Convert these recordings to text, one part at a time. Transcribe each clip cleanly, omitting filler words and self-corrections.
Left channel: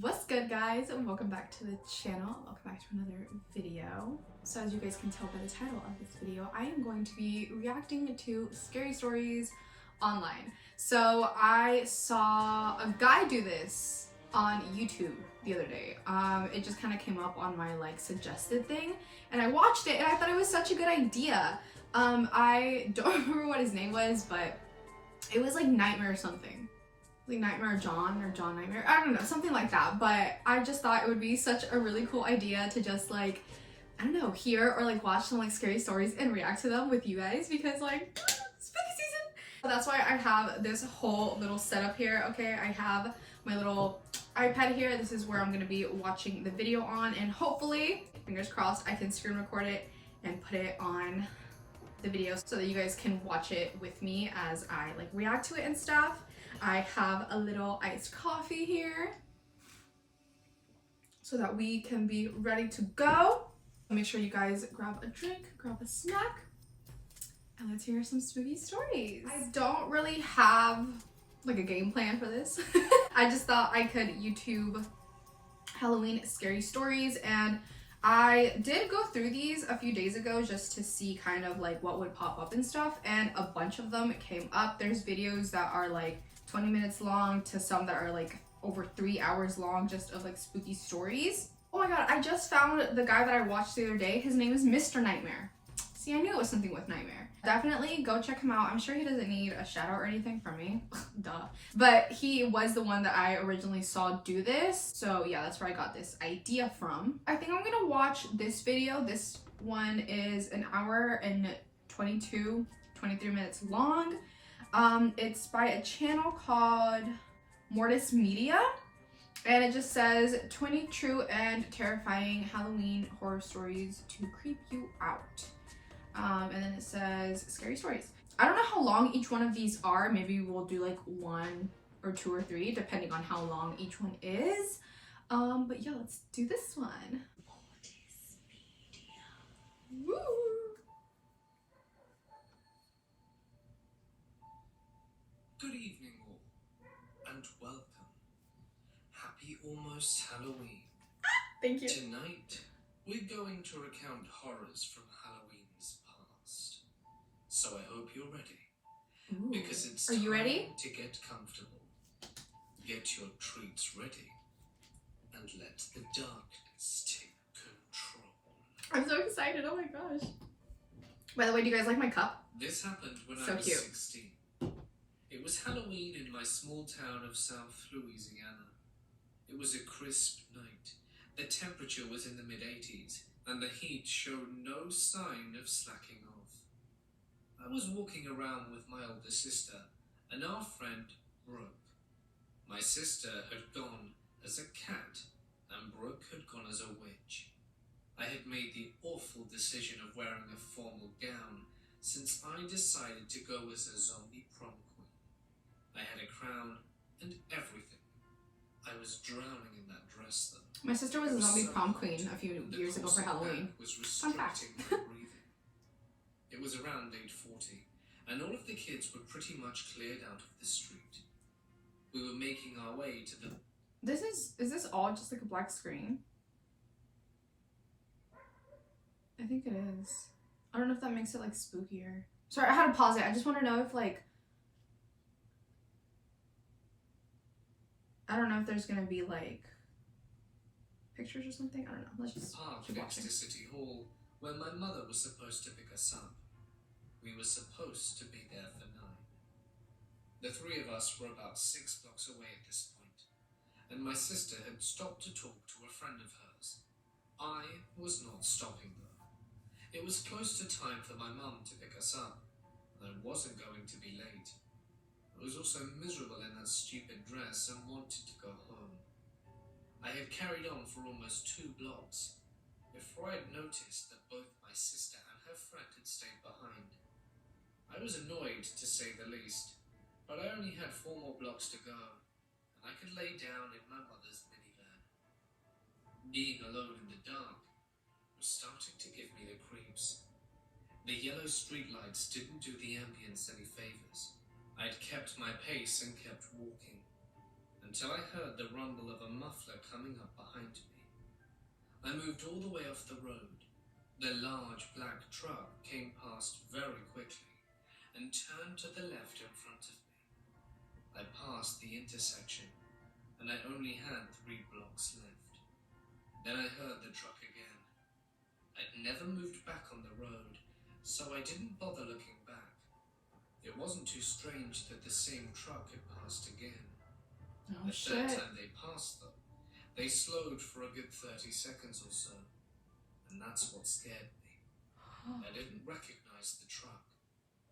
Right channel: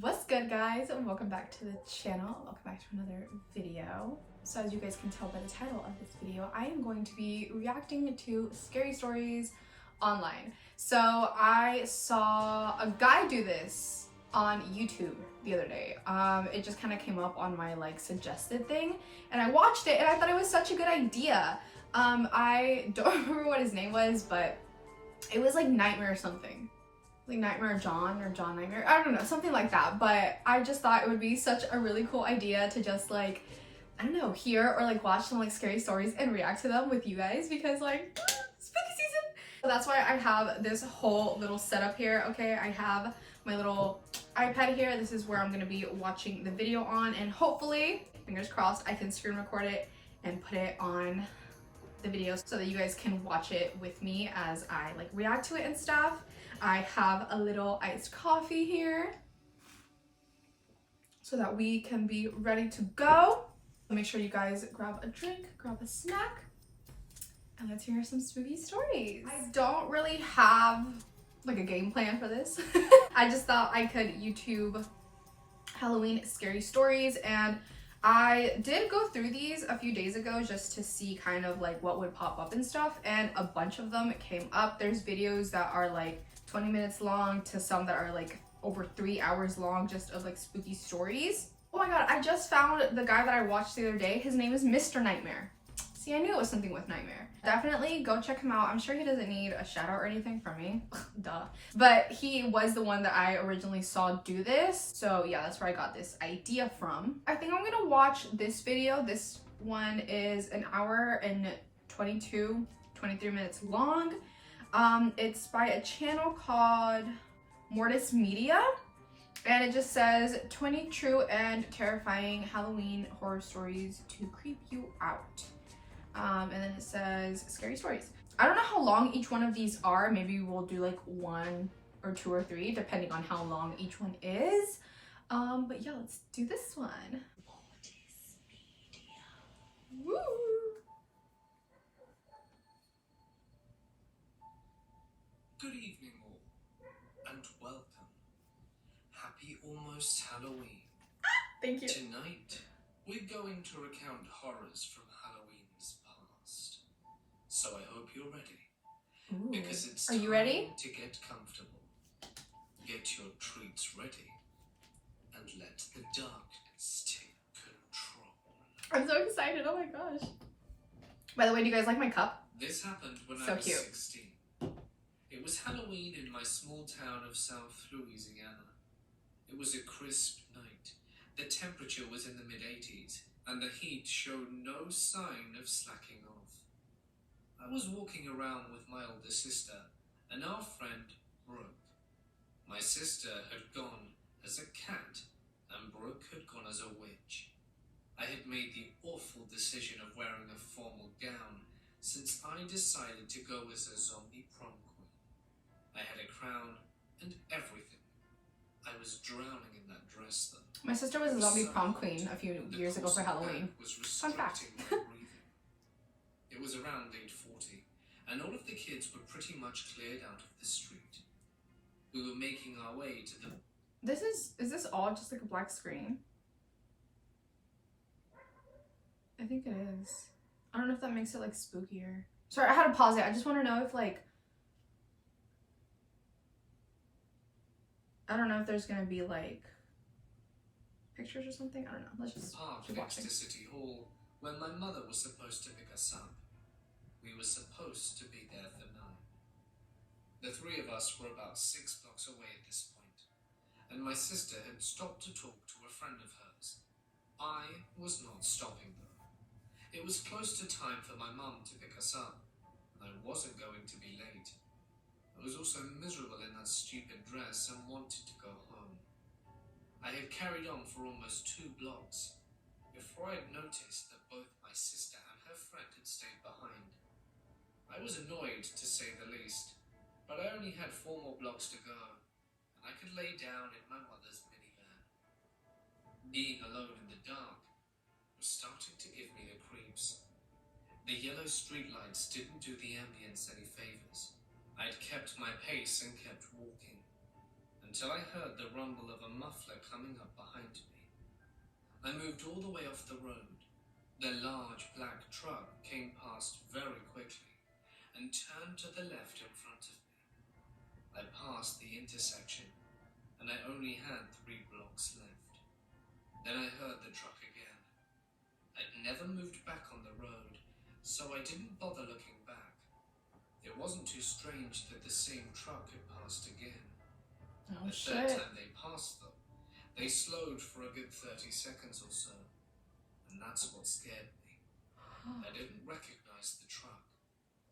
What's good, guys, and welcome back to the channel. Welcome back to another video. So as you guys can tell by the title of this video, I am going to be reacting to scary stories online. So I saw a guy do this on YouTube the other day. It just kind of came up on my suggested thing, and I watched it and I thought it was such a good idea. I don't remember what his name was, but it was like Nightmare or something. Like Nightmare John or John Nightmare, I don't know, something like that. But I just thought it would be such a really cool idea to just I don't know, hear or watch some scary stories and react to them with you guys, because spooky season. So that's why I have this whole little setup here. Okay, I have my little iPad here. This is where I'm gonna be watching the video on, and hopefully, fingers crossed, I can screen record it and put it on the video so that you guys can watch it with me as I react to it and stuff. I have a little iced coffee here so that we can be ready to go. Make sure you guys grab a drink, grab a snack, and let's hear some spooky stories. I don't really have a game plan for this. I just thought I could YouTube Halloween scary stories, and I did go through these a few days ago just to see kind of what would pop up and stuff, and a bunch of them came up. There's videos that are 20 minutes long to some that are over 3 hours long, just of spooky stories. Oh my god, I just found the guy that I watched the other day. His name is Mr. Nightmare. See, I knew it was something with Nightmare. Definitely go check him out. I'm sure he doesn't need a shout out or anything from me. Duh. But he was the one that I originally saw do this. So yeah, that's where I got this idea from. I think I'm gonna watch this video. This one is an hour and 23 minutes long. It's by a channel called Mortis Media, and it just says 20 true and terrifying Halloween horror stories to creep you out. And then it says scary stories. I don't know how long each one of these are. Maybe we'll do 1 or 2 or 3 depending on how long each one is. But yeah, let's do this one. Mortis Media. Woo! Good evening all, and welcome. Happy almost Halloween. Thank you. Tonight, we're going to recount horrors from Halloween's past. So I hope you're ready. Ooh. Because it's Are you ready? time to get comfortable. Get your treats ready. And let the darkness take control. I'm so excited, oh my gosh. By the way, do you guys like my cup? This happened when So I was cute. 16. It was Halloween in my small town of South Louisiana. It was a crisp night. The temperature was in the mid-80s, and the heat showed no sign of slacking off. I was walking around with my older sister and our friend, Brooke. My sister had gone as a cat, and Brooke had gone as a witch. I had made the awful decision of wearing a formal gown, since I decided to go as a zombie prom queen. I had a crown and everything. I was drowning in that dress though. My sister was a zombie prom queen a few years ago for Halloween. Fun fact. It was around 8:40, and all of the kids were pretty much cleared out of the street. We were making our way to the... Is this all just a black screen? I think it is. I don't know if that makes it spookier. Sorry, I had to pause it. I just want to know if I don't know if there's gonna be pictures or something. I don't know. Let's just park keep next watching. to City Hall, where my mother was supposed to pick us up. We were supposed to be there for 9. The 3 of us were about 6 blocks away at this point, and my sister had stopped to talk to a friend of hers. I was not stopping though. It was close to time for my mum to pick us up, and I wasn't going to be late. I was also miserable in that stupid dress and wanted to go home. I had carried on for almost 2 blocks before I had noticed that both my sister and her friend had stayed behind. I was annoyed, to say the least, but I only had 4 more blocks to go, and I could lay down in my mother's minivan. Being alone in the dark was starting to give me the creeps. The yellow streetlights didn't do the ambience any favors. I'd kept my pace and kept walking, and until I heard the rumble of a muffler coming up behind me. I moved all the way off the road. The large black truck came past very quickly and turned to the left in front of me. I passed the intersection and I only had 3 blocks left. Then I heard the truck again. I'd never moved back on the road, so I didn't bother looking back. It wasn't too strange that the same truck had passed again. Oh, The shit. third time they passed, though, they slowed for a good 30 seconds or so, and that's what scared me. I didn't recognize the truck,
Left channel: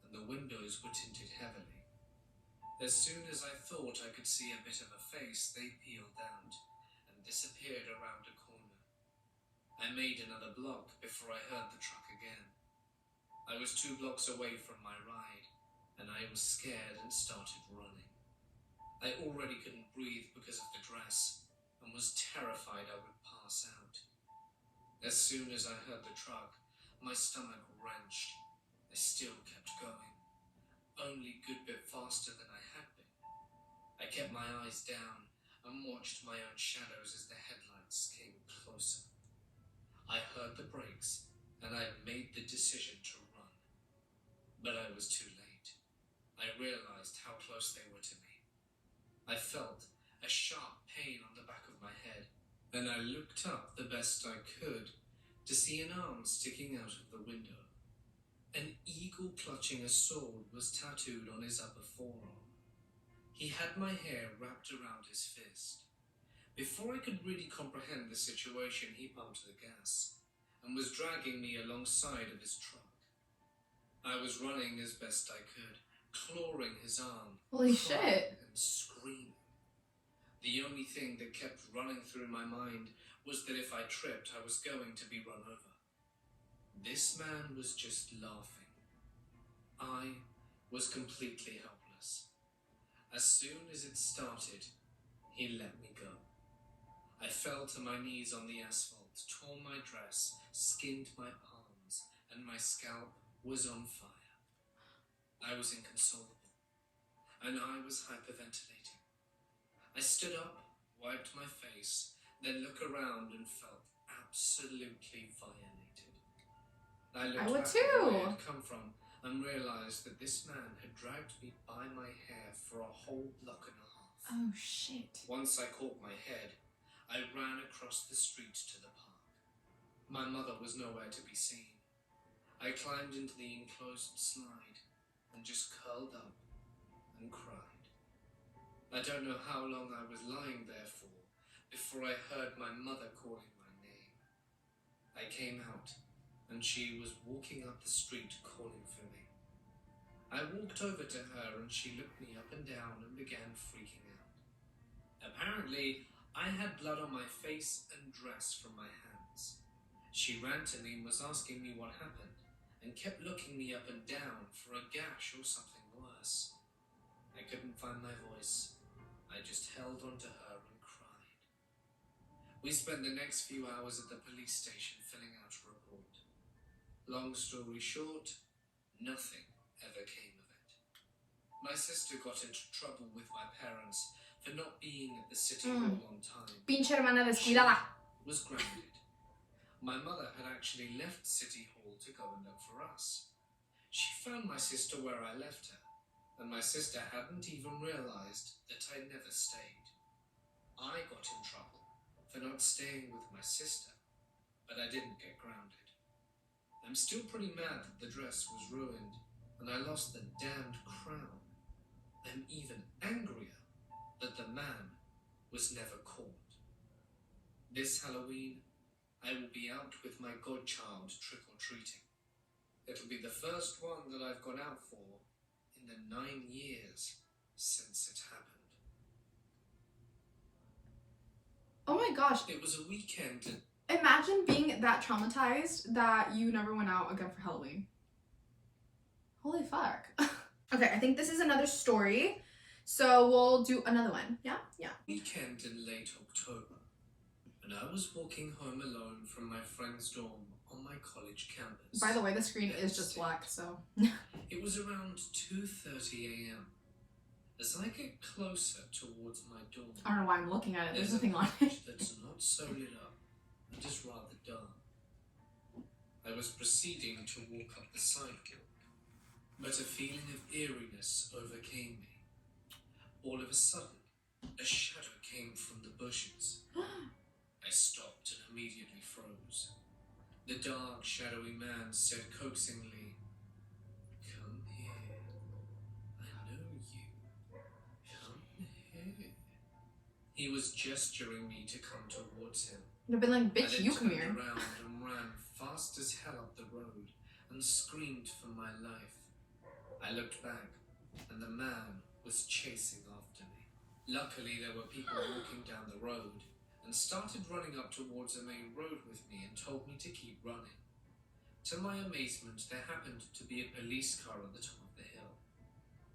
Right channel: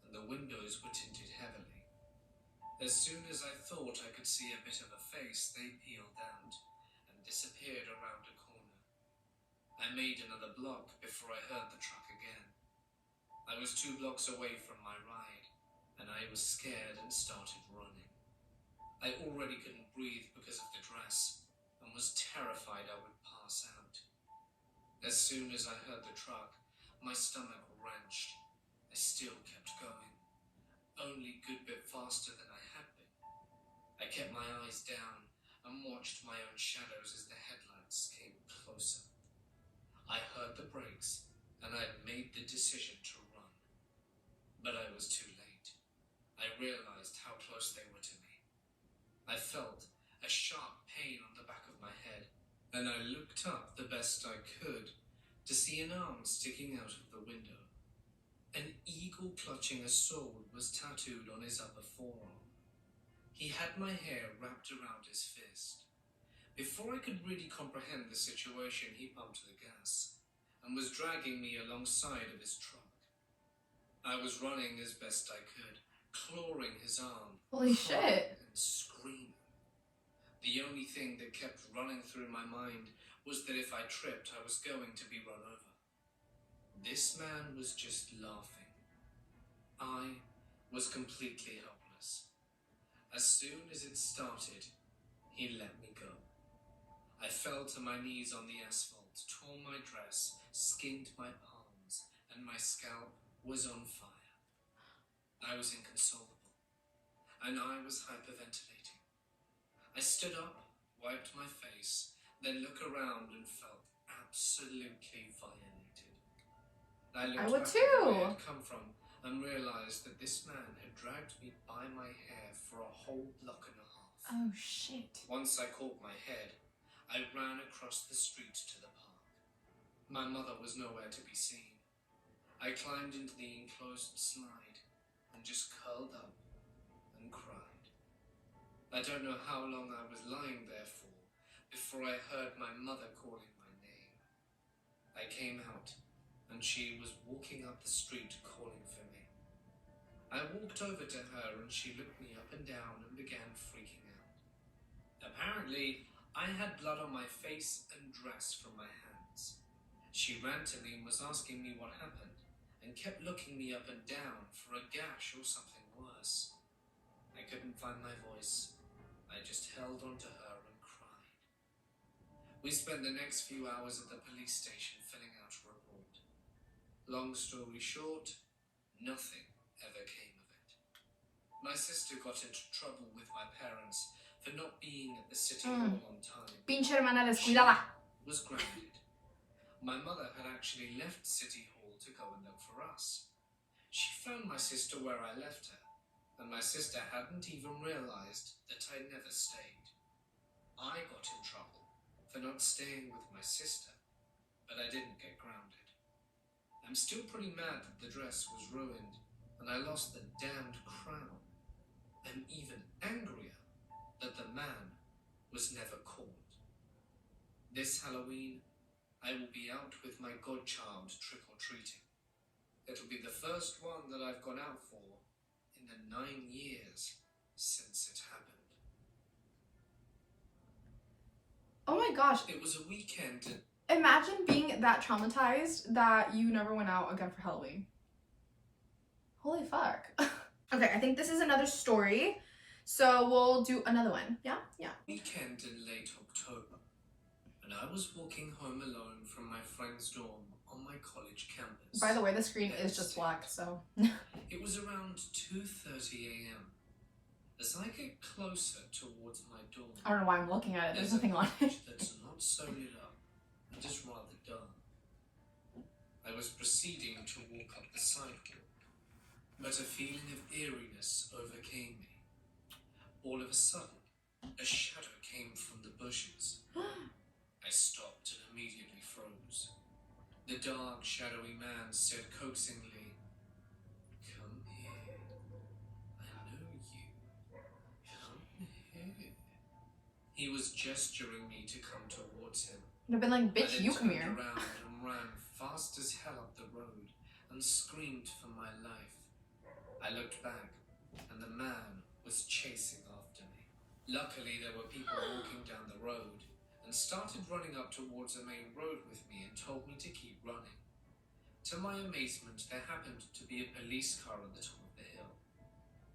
and the windows were tinted heavily. As soon as I thought I could see a bit of a face, they peeled out and disappeared around a corner. I made another block before I heard the truck again. I was 2 blocks away from my ride, and I was scared and started running. I already couldn't breathe because of the dress, and was terrified I would pass out. As soon as I heard the truck, my stomach wrenched. I still kept going, only a good bit faster than I had been. I kept my eyes down and watched my own shadows as the headlights came closer. I heard the brakes, and I had made the decision to run. But I was too late. I realized how close they were to me. I felt a sharp pain on the back of my head, and I looked up the best I could to see an arm sticking out of the window. An eagle clutching a sword was tattooed on his upper forearm. He had my hair wrapped around his fist. Before I could really comprehend the situation, he pumped the gas and was dragging me alongside of his truck. I was running as best I could, clawing his arm, Holy crying shit. and screaming. The only thing that kept running through my mind was that if I tripped, I was going to be run over. This man was just laughing. I was completely helpless. As soon as it started, he let me go. I fell to my knees on the asphalt, tore my dress, skinned my arms, and my scalp was on fire. I was inconsolable, and I was hyperventilating. I stood up, wiped my face, then looked around and felt absolutely violated. I looked would back at where too. I had come from and realized that this man had dragged me by my hair for a whole block and a half. Oh, shit. Once I caught my head, I ran across the street to the park. My mother was nowhere to be seen. I climbed into the enclosed slide and just curled up and cried. I don't know how long I was lying there for before I heard my mother calling my name. I came out and she was walking up the street calling for me. I walked over to her and she looked me up and down and began freaking out. Apparently, I had blood on my face and dress from my hands. She ran to me and was asking me what happened and kept looking me up and down for a gash or something worse. I couldn't find my voice. I just held onto her and cried. We spent the next few hours at the police station filling out a report. Long story short, nothing ever came of it. My sister got into trouble with my parents for not being at the city hall on time. Pinche hermana descuidada. Was grounded. My mother had actually left City Hall to go and look for us. She found my sister where I left her, and my sister hadn't even realized that I never stayed. I got in trouble for not staying with my sister, but I didn't get grounded. I'm still pretty mad that the dress was ruined, and I lost the damned crown. I'm even angrier that the man was never caught. This Halloween, I will be out with my godchild trick-or-treating. It'll be the first one that I've gone out for in the 9 years since it happened. Oh my gosh. It was a weekend and Imagine being that traumatized that you never went out again for Halloween. Holy fuck. Okay, I think this is another story. So we'll do another one. Yeah? Yeah. weekend in late October, and I was walking home alone from my friend's dorm on my college campus. By the way, the screen is just black, so. It was around 2:30 a.m. As I get closer towards my door, I don't know why I'm looking at it. There's there's a nothing on it. patch that's not so lit up and is rather dark. I was proceeding to walk up the sidewalk, but a feeling of eeriness overcame me. All of a sudden, a shadow came from the bushes. I stopped and immediately froze. The dark, shadowy man said coaxingly, "Come here. I know you. Come here." He was gesturing me to come towards him. I'd have been like, I bitch, then you come turned here. around and ran fast as hell up the road and screamed for my life. I looked back, and the man was chasing after me. Luckily, there were people walking down the road and started running up towards the main road with me and told me to keep running. To my amazement, there happened to be a police car on the top of the hill.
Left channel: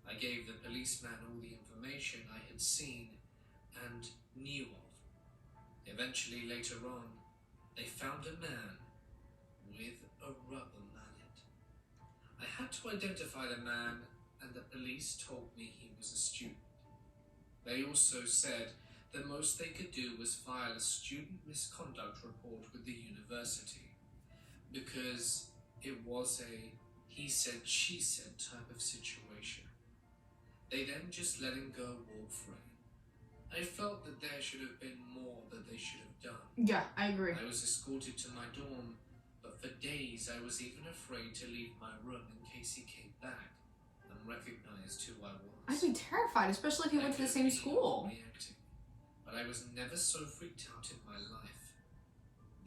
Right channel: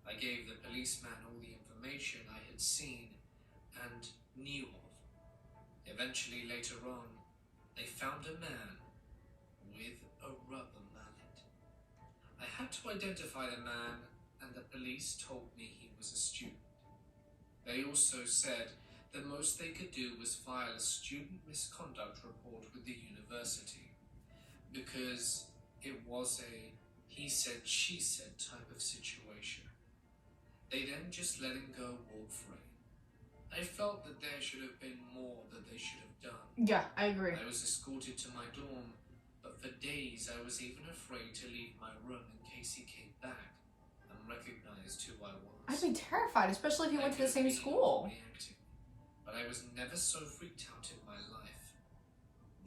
I gave the policeman all the information I had seen and knew of. Eventually, later on, they found a man with a rubber mallet. I had to identify the man, and the police told me he was a student. They also said the most they could do was file a student misconduct report with the university, because it was a he said, she said type of situation. They then just let him go walk free. I felt that there should have been more that they should have done. Yeah, I agree. I was escorted to my dorm, but for days I was even afraid to leave my room in case he came back and recognized who I was. I'd be terrified, especially if you went to the same school. Reacting, but I was never so freaked out in my life.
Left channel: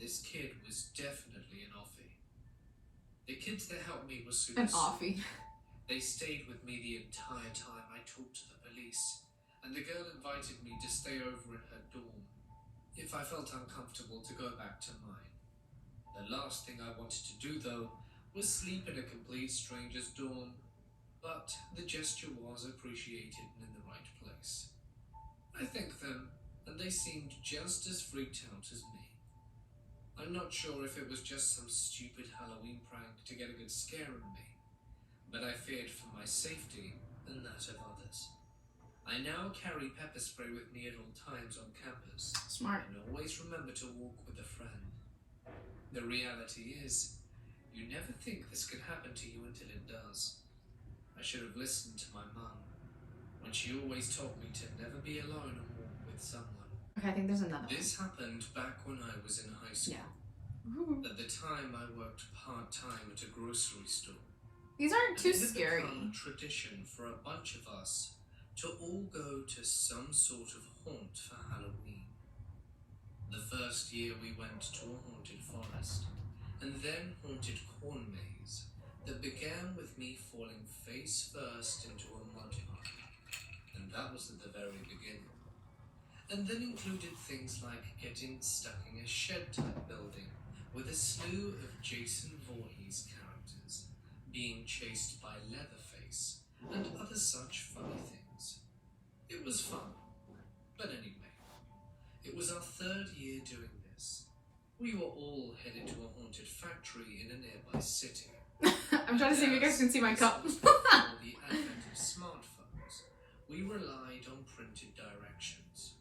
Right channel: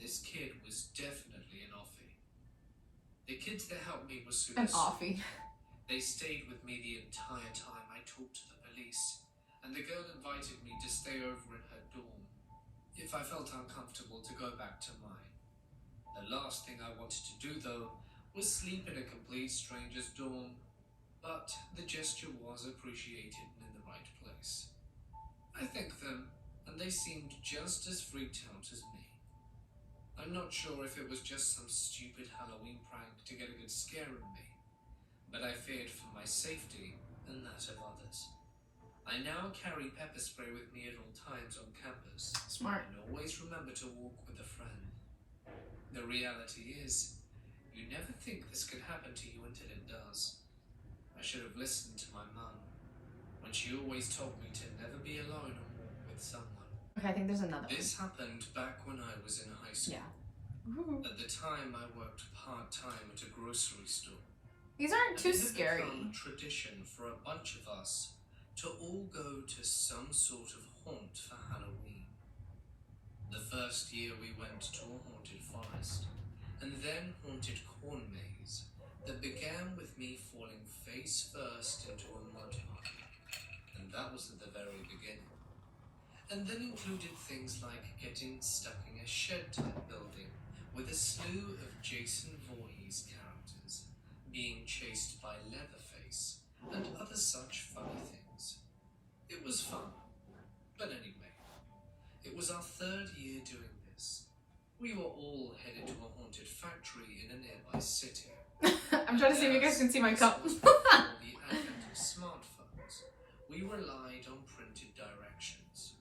This kid was definitely an offie. The kids that helped me were super An sweet. offie. They stayed with me the entire time I talked to the police, and the girl invited me to stay over in her dorm if I felt uncomfortable to go back to mine. The last thing I wanted to do, though, was sleep in a complete stranger's dorm, but the gesture was appreciated and in the right place. I thanked them, and they seemed just as freaked out as me. I'm not sure if it was just some stupid Halloween prank to get a good scare in me, but I feared for my safety and that of others. I now carry pepper spray with me at all times on campus. Smart. And always remember to walk with a friend. The reality is, you never think this could happen to you until it does. I should have listened to my mum when she always told me to never be alone and walk with someone. Okay, I think there's another one. This happened back when I was in high school. Yeah. Ooh. At the time, I worked part-time at a grocery store. These aren't And too it had scary. become a tradition for a bunch of us to all go to some sort of haunt for Halloween. The first year we went to a haunted forest, and then haunted corn maze that began with me falling face first into a mud pile, and that was at the very beginning. And then included things like getting stuck in a shed-type building with a slew of Jason Voorhees characters being chased by Leatherface and other such funny things. It was fun, but anyway, it was our third year doing this. We were all headed to a haunted factory in a nearby city. I'm trying to see if you guys can see my cup. Before the advent of smartphones, we relied on printed directions.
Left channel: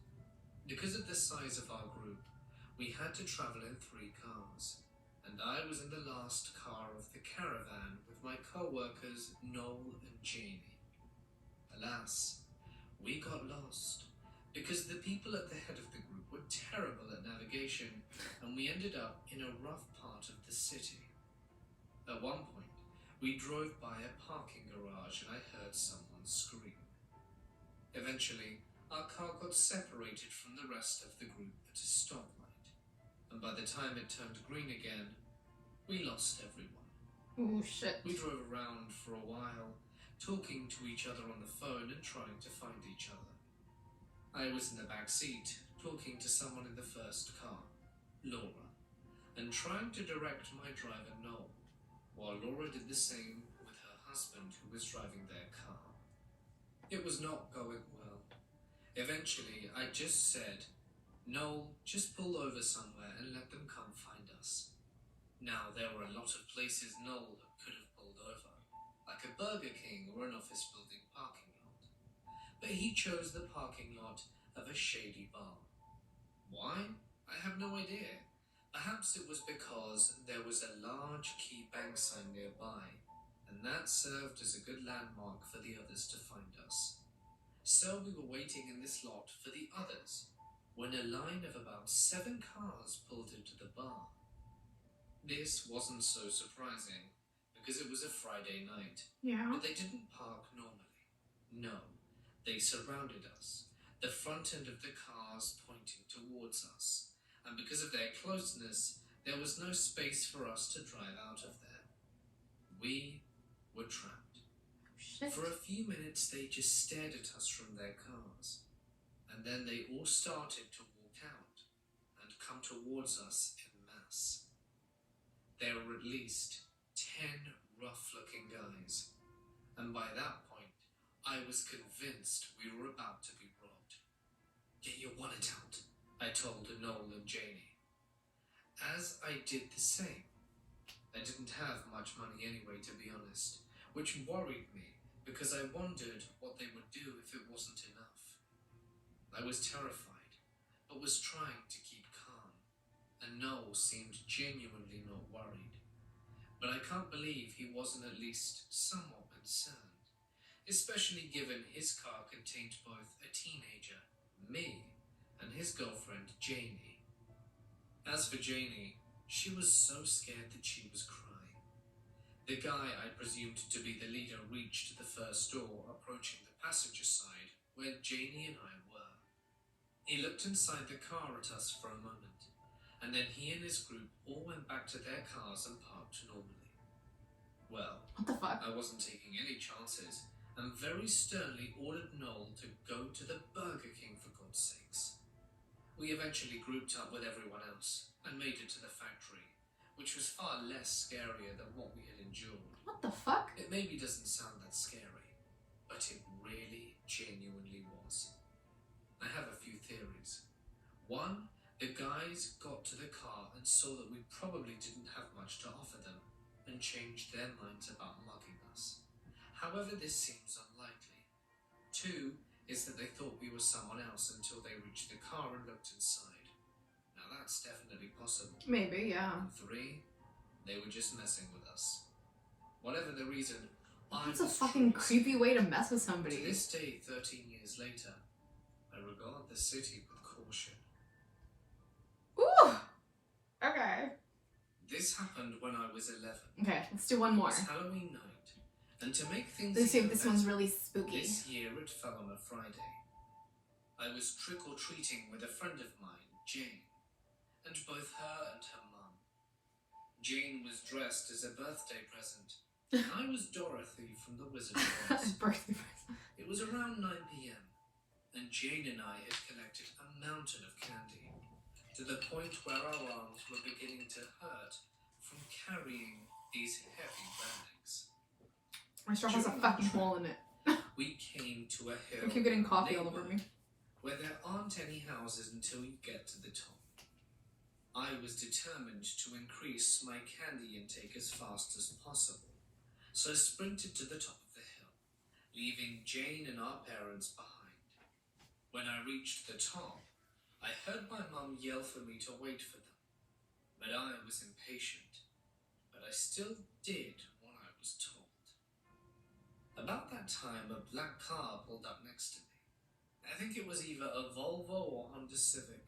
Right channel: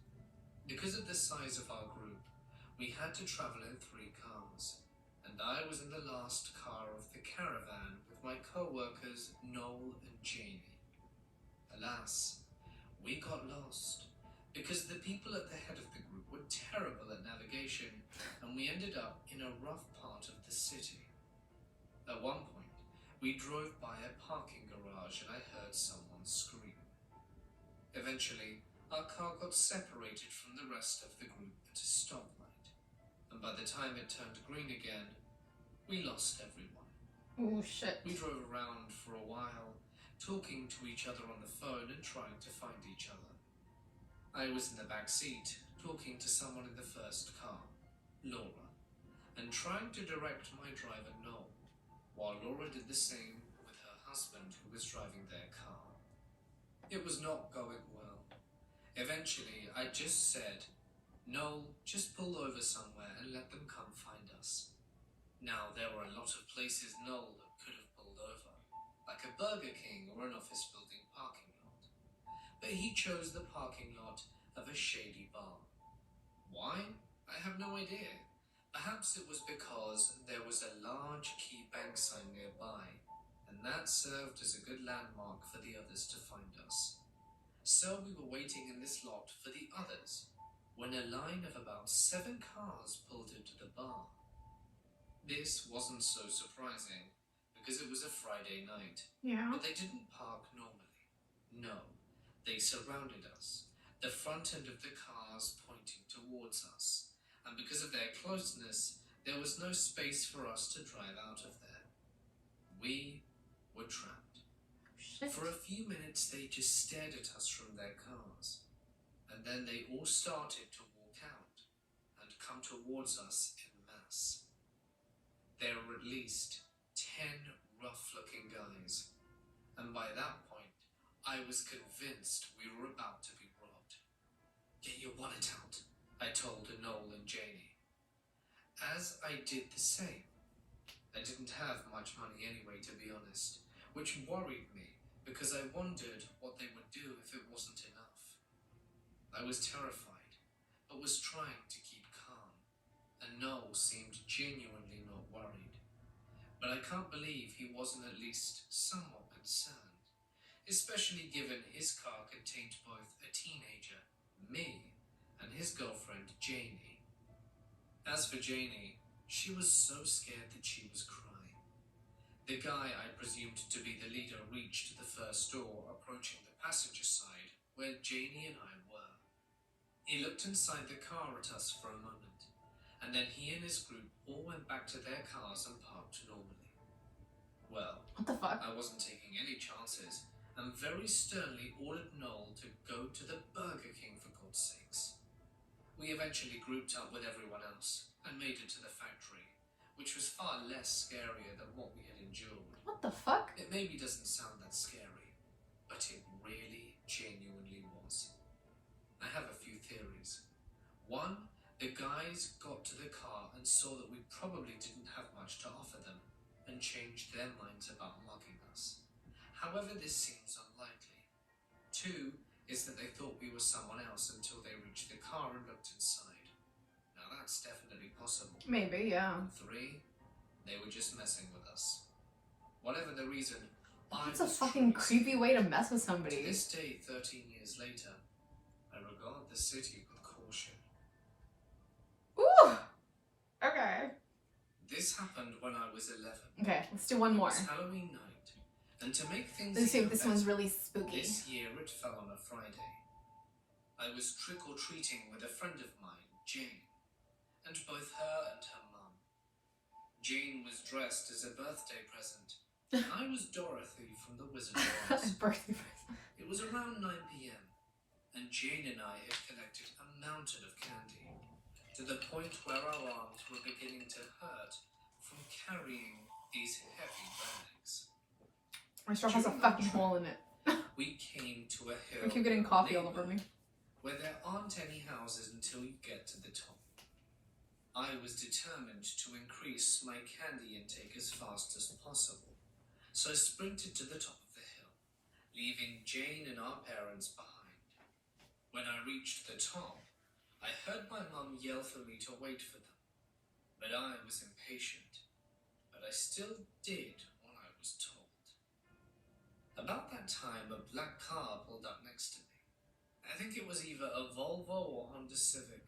Because of the size of our group, we had to travel in 3 cars, and I was in the last car of the caravan with my co-workers Noel and Janie. Alas, we got lost because the people at the head of the group were terrible at navigation, and we ended up in a rough part of the city. At one point, we drove by a parking garage and I heard someone scream. Eventually, our car got separated from the rest of the group at a stoplight, and by the time it turned green again, we lost everyone. Oh shit. We drove around for a while, talking to each other on the phone and trying to find each other. I was in the back seat, talking to someone in the first car, Laura, and trying to direct my driver Noel, while Laura did the same with her husband who was driving their car. It was not going well. Eventually, I just said, "Noel, just pull over somewhere and let them come find us." Now, there were a lot of places Noel could have pulled over, like a Burger King or an office building parking lot. but he chose the parking lot of a shady bar. Why? I have no idea. Perhaps it was because there was a large key bank sign nearby, and that served as a good landmark for the others to find us. So we were waiting in this lot for the others, when a line of about 7 cars pulled into the bar. This wasn't so surprising, because it was a Friday night. Yeah. But they didn't park normally. No, they surrounded us, the front end of the cars pointing towards us, and because of their closeness, there was no space for us to drive out of there. We were trapped. Shit. For a few minutes, they just stared at us from their cars, and then they all started to walk out and come towards us en masse. There were at least 10 rough-looking guys, and by that point, I was convinced we were about to be robbed. "Get your wallet out," I told Noel and Janie. As I did the same. I didn't have much money anyway, to be honest, which worried me because I wondered what they would do if it wasn't enough. I was terrified, but was trying to keep calm, and Noel seemed genuinely not worried. But I can't believe he wasn't at least somewhat concerned, especially given his car contained both a teenager, me, and his girlfriend, Janie. As for Janie, she was so scared that she was crying. The guy I presumed to be the leader reached the first door, approaching the passenger side, where Janie and I were. He looked inside the car at us for a moment, and then he and his group all went back to their cars and parked normally. Well, What the fuck? I wasn't taking any chances, and very sternly ordered Noel to go to the Burger King for God's sakes. We eventually grouped up with everyone else and made it to the factory, which was far less scarier than what we had endured. What the fuck? It maybe doesn't sound that scary, but it really genuinely was. I have a few theories. One, the guys got to the car and saw that we probably didn't have much to offer them and changed their minds about mugging us. However, this seems unlikely. Two is that they thought we were someone else until they reached the car and looked inside. Now that's definitely possible. Maybe, yeah. And three, they were just messing with us. Whatever the reason, That's a fucking creepy way to mess with To somebody. this day, 13 years later, I regard the city with caution. Ooh! Okay. This happened when I was 11. Okay, let's do one It more. was Halloween night, and to make things Let's see if even this one's better, really spooky. this year it fell on a Friday. I was trick-or-treating with a friend of mine, Jane, and both her and her mum. Jane was dressed as a birthday present, and I was Dorothy from the Wizard of Oz. Birthday present. It was around 9 p.m, and Jane and I had collected a mountain of candy, to the point where our arms were beginning to hurt from carrying these heavy bags. My straw has a fucking hole in it. We came to a hill. I keep getting in our coffee all over me. neighborhood where there aren't any houses until you get to the top. I was determined to increase my candy intake as fast as possible, so I sprinted to the top of the hill, leaving Jane and our parents behind. When I reached the top, I heard my mum yell for me to wait for them, but I was impatient, but I still did what I was told. About that time, a black car pulled up next to me. I think it was either a Volvo or Honda Civic,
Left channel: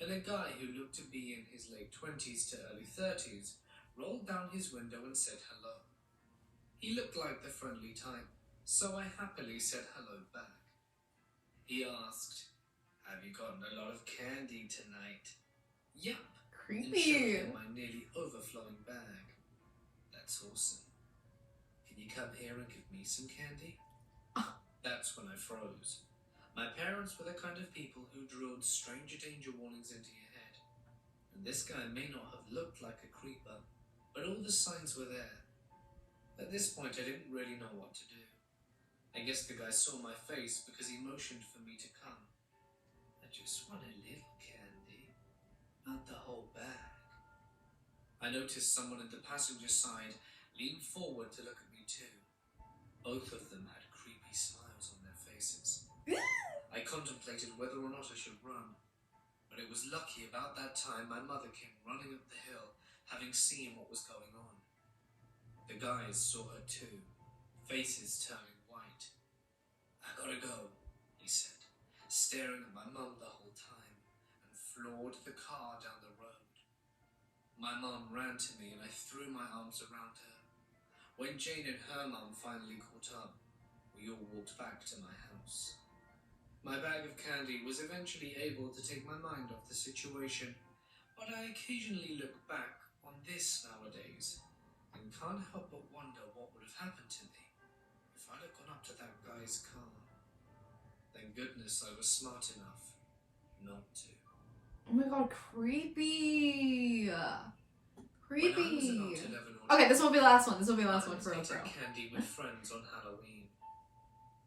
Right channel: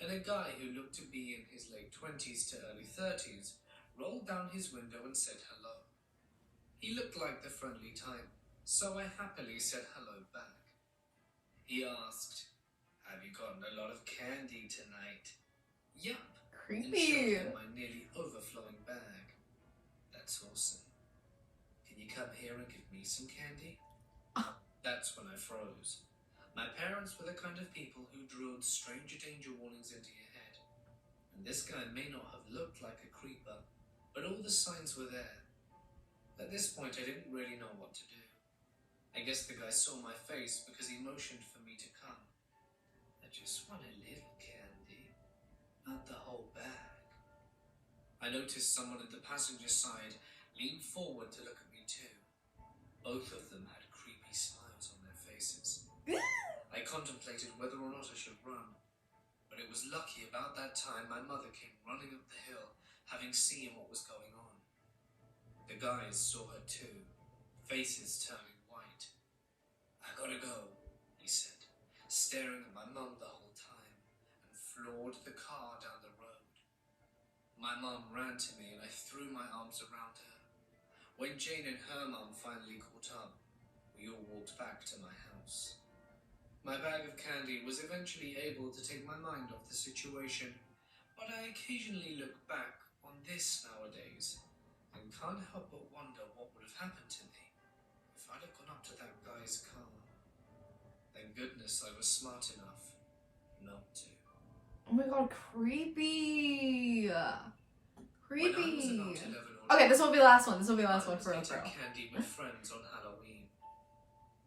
and a guy who looked to be in his late 20s to early 30s rolled down his window and said hello. He looked like the friendly type, so I happily said hello back. He asked, "Have you gotten a lot of candy tonight?" "Yup," and showed Creepy. him my nearly overflowing bag. "That's awesome. Can you come here and give me some candy?" That's when I froze. My parents were the kind of people who drilled stranger danger warnings into your head. And this guy may not have looked like a creeper, but all the signs were there. At this point, I didn't really know what to do. I guess the guy saw my face because he motioned for me to come. "I just want a little candy, not the whole bag." I noticed someone at the passenger side lean forward to look at me too. Both of them had creepy smiles on their faces. Ew. I contemplated whether or not I should run, but it was lucky about that time my mother came running up the hill, having seen what was going on. The guys saw her too, faces turning white. "I gotta go," he said, staring at my mum the whole time, and floored the car down the road. My mum ran to me and I threw my arms around her. When Jane and her mum finally caught up, we all walked back to my house. My bag of candy was eventually able to take my mind off the situation, but I occasionally look back on this nowadays and can't help but wonder what would have happened to me if I'd have gone up to that guy's car. Thank goodness I was smart enough not to. Oh my god, creepy. When I was Creepy. about 11 or Okay, this will be the last one. This will be the last I one was for real, eating for real. candy with friends on Halloween.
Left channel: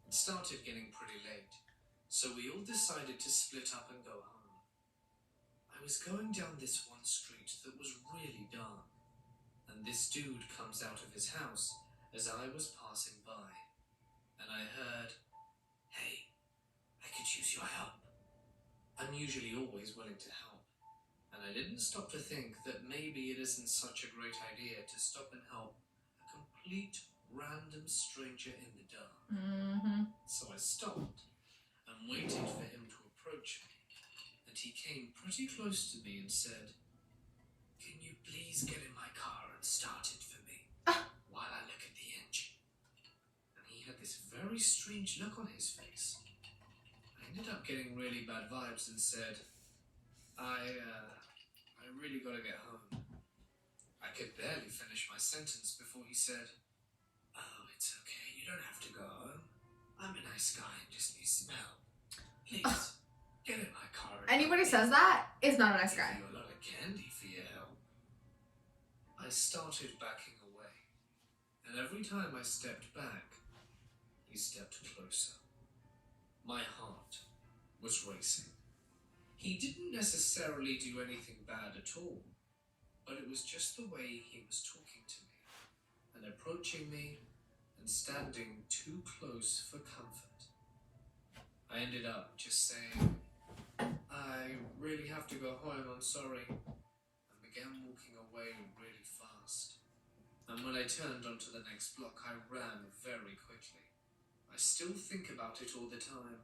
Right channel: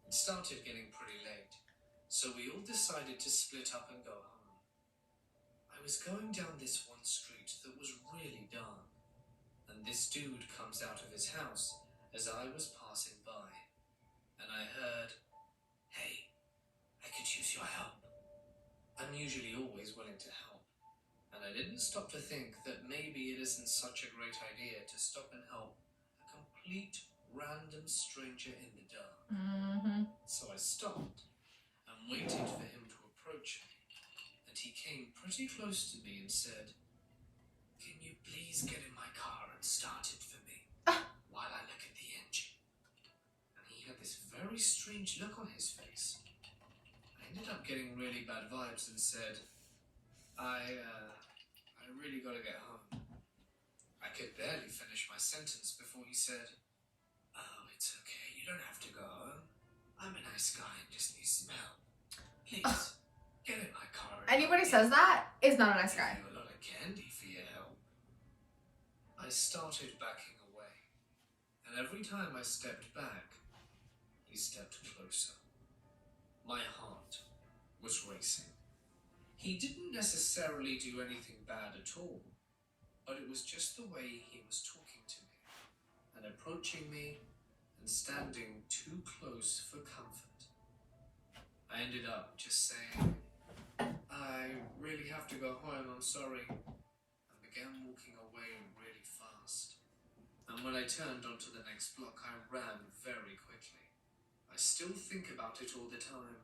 It started getting pretty late, so we all decided to split up and go home. I was going down this one street that was really dark, and this dude comes out of his house as I was passing by, and I heard, "Hey, I could use your help." I'm usually always willing to help, and I didn't stop to think that maybe it isn't such a great idea to stop and help a complete random stranger in the dark. So I stopped and waited for him to approach me, and he came pretty close to me and said, "Can you please get in my car and start it for me while I look at the engine?" And he had this very strange look on his face. I ended up getting really bad vibes and said, I really gotta get home." I could barely finish my sentence before he said, "Oh, it's okay, you don't have to go home. I'm a nice guy and just need some help. Please, get in my car." Anybody says that is not a nice guy. Give you a lot of candy for your help. I started backing away, and every time I stepped back, he stepped closer. My heart was racing. He didn't necessarily do anything bad at all, but it was just the way he was talking to me and approaching me and standing too close for comfort. I ended up just saying, "I really have to go home, I'm sorry," and began walking away really fast. And when I turned onto the next block, I ran very quickly. I still think about it all the time,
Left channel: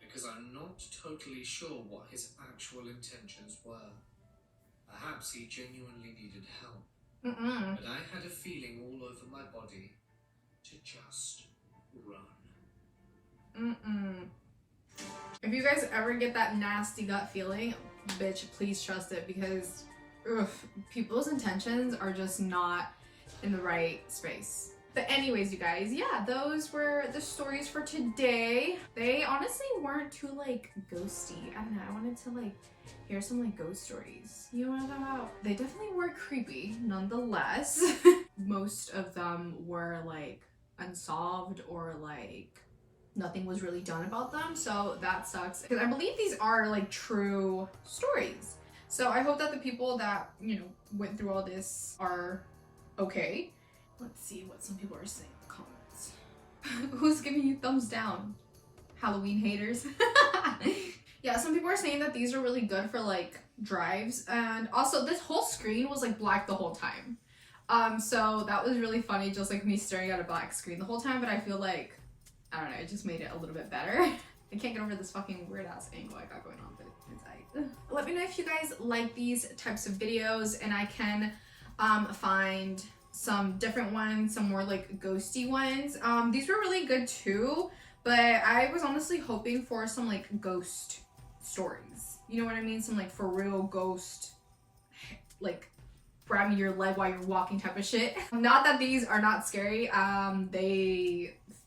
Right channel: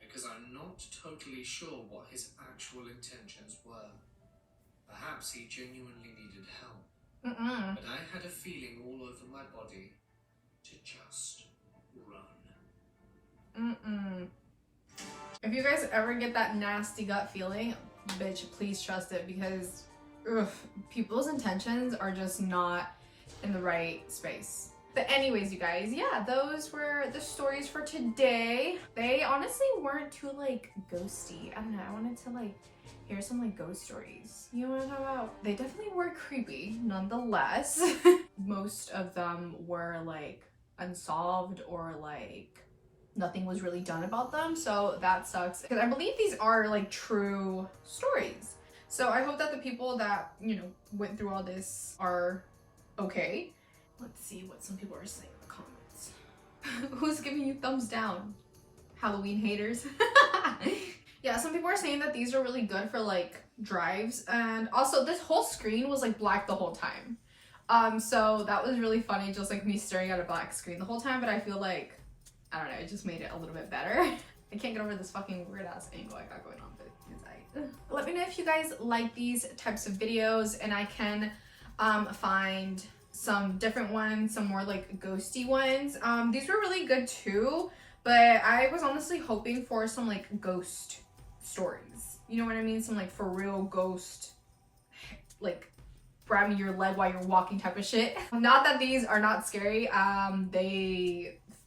because I'm not totally sure what his actual intentions were. Perhaps he genuinely needed help, but I had a feeling all over my body to just run. If you guys ever get that nasty gut feeling, bitch, please trust it, because people's intentions are just not in the right space. But anyways, you guys, yeah, those were the stories for today. They honestly weren't too like ghosty. I don't know, I wanted to like hear some like ghost stories. You know what I'm talking about? They definitely were creepy nonetheless. Most of them were like unsolved or like nothing was really done about them, so that sucks, because I believe these are like true stories. So I hope that the people that, you know, went through all this are okay. Let's see what some people are saying in the comments. Who's giving you thumbs down? Halloween haters. Yeah, some people are saying that these are really good for like drives, and also this whole screen was like black the whole time. So that was really funny, just like me staring at a black screen the whole time, but I feel like, I don't know, it just made it a little bit better. I can't get over this fucking weird ass angle I got going on, but it's alright. Let me know if you guys like these types of videos, and I can find some different ones, some more like ghosty ones. These were really good too, but I was honestly hoping for some like ghost stories. You know what I mean? Some like for real ghost, like grabbing your leg while you're walking type of shit. Not that these are not scary.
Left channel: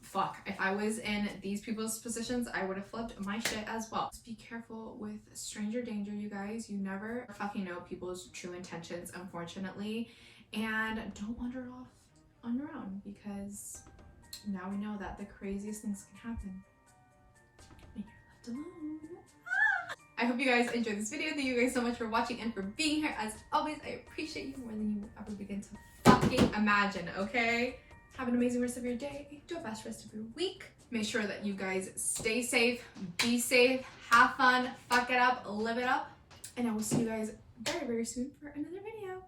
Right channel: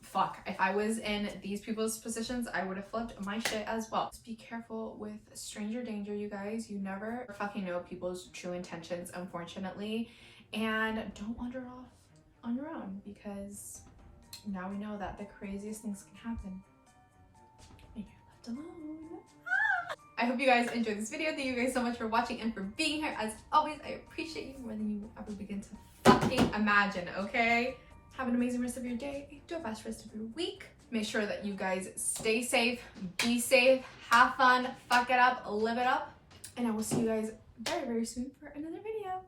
Fuck, if I was in these people's positions, I would have flipped my shit as well. Just be careful with stranger danger, you guys. You never fucking know people's true intentions, unfortunately. And don't wander off on your own, because now we know that the craziest things can happen when you're left alone. I hope you guys enjoyed this video. Thank you guys so much for watching and for being here. As always, I appreciate you more than you will ever begin to fucking imagine, okay? Have an amazing rest of your day. Do a fast rest of your week. Make sure that you guys stay safe, be safe, have fun, fuck it up, live it up. And I will see you guys very, very soon for another video.